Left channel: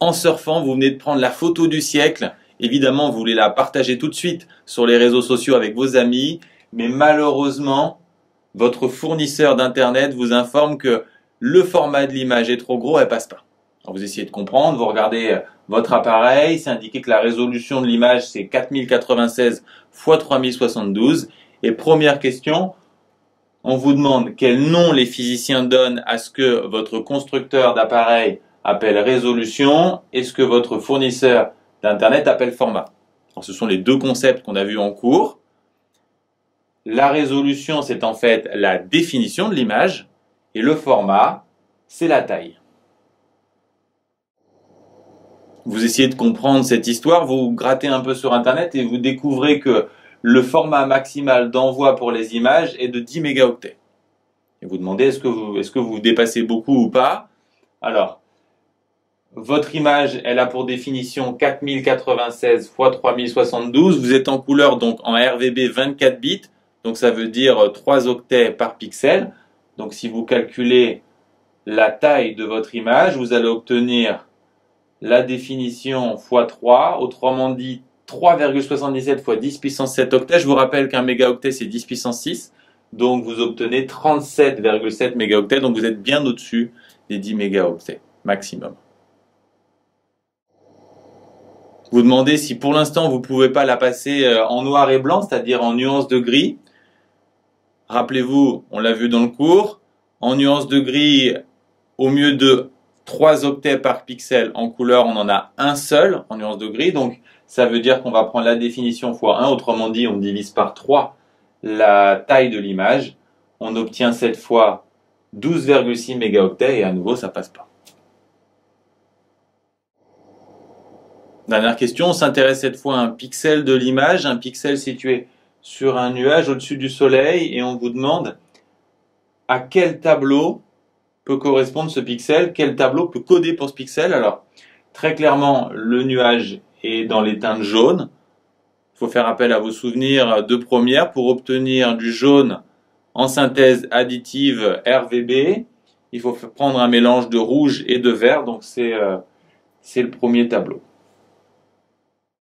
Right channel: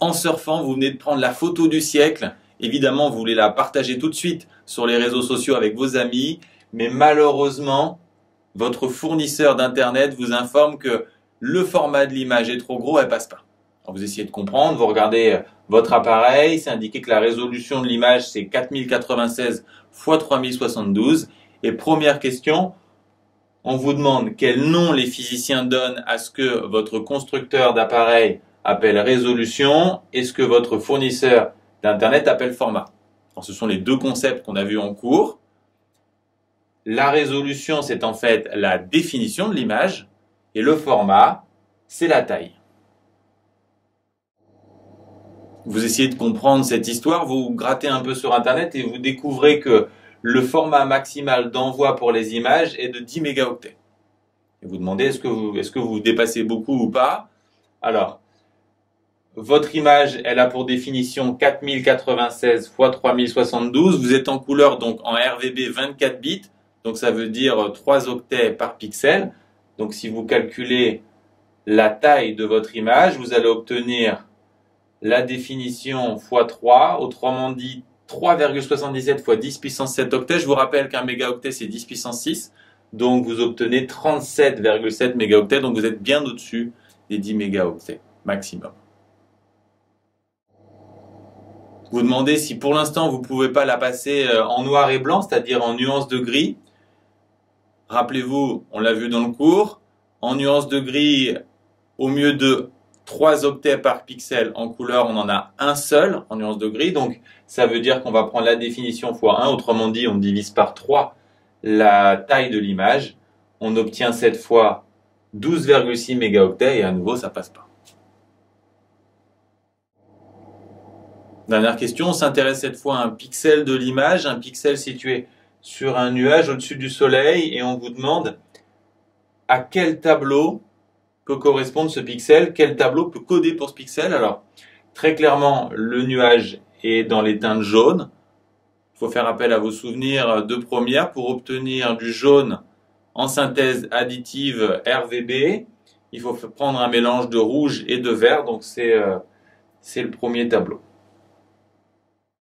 en surfant, vous venez de prendre la photo du siècle. Évidemment, vous voulez la partager tout de suite sur les réseaux sociaux avec vos amis, mais malheureusement, votre fournisseur d'internet vous informe que le format de l'image est trop gros, elle passe pas. Alors vous essayez de comprendre, vous regardez votre appareil, c'est indiqué que la résolution de l'image c'est 4096 x 3072. Et première question, on vous demande quel nom les physiciens donnent à ce que votre constructeur d'appareil appelle résolution et ce que votre fournisseur d'internet appelle format. Alors ce sont les deux concepts qu'on a vus en cours. La résolution, c'est en fait la définition de l'image et le format, c'est la taille. Vous essayez de comprendre cette histoire, vous grattez un peu sur internet et vous découvrez que le format maximal d'envoi pour les images est de 10 mégaoctets. Et vous demandez est-ce que vous dépassez beaucoup ou pas. Alors, votre image, elle a pour définition 4096 x 3072. Vous êtes en couleur, donc en RVB 24 bits. Donc ça veut dire 3 octets par pixel. Donc si vous calculez la taille de votre image, vous allez obtenir la définition x3, autrement dit 3,77 x 10 puissance 7 octets. Je vous rappelle qu'un mégaoctet c'est 10 puissance 6. Donc vous obtenez 37,7 mégaoctets. Donc vous êtes bien au-dessus des 10 mégaoctets maximum. Vous demandez si pour l'instant vous ne pouvez pas la passer en noir et blanc, c'est-à-dire en nuances de gris. Rappelez-vous, on l'a vu dans le cours, en nuances de gris, au mieux de 3 octets par pixel en couleur, on en a un seul en nuances de gris. Donc ça veut dire qu'on va prendre la définition x1, autrement dit on divise par 3 la taille de l'image. On obtient cette fois 12,6 mégaoctets et à nouveau ça passe pas. Dernière question, on s'intéresse cette fois à un pixel de l'image, un pixel situé sur un nuage au-dessus du soleil et on vous demande à quel tableau peut correspondre ce pixel, quel tableau peut coder pour ce pixel. Alors, très clairement, le nuage est dans les teintes jaunes. Il faut faire appel à vos souvenirs de première pour obtenir du jaune en synthèse additive RVB. Il faut prendre un mélange de rouge et de vert, donc c'est le premier tableau.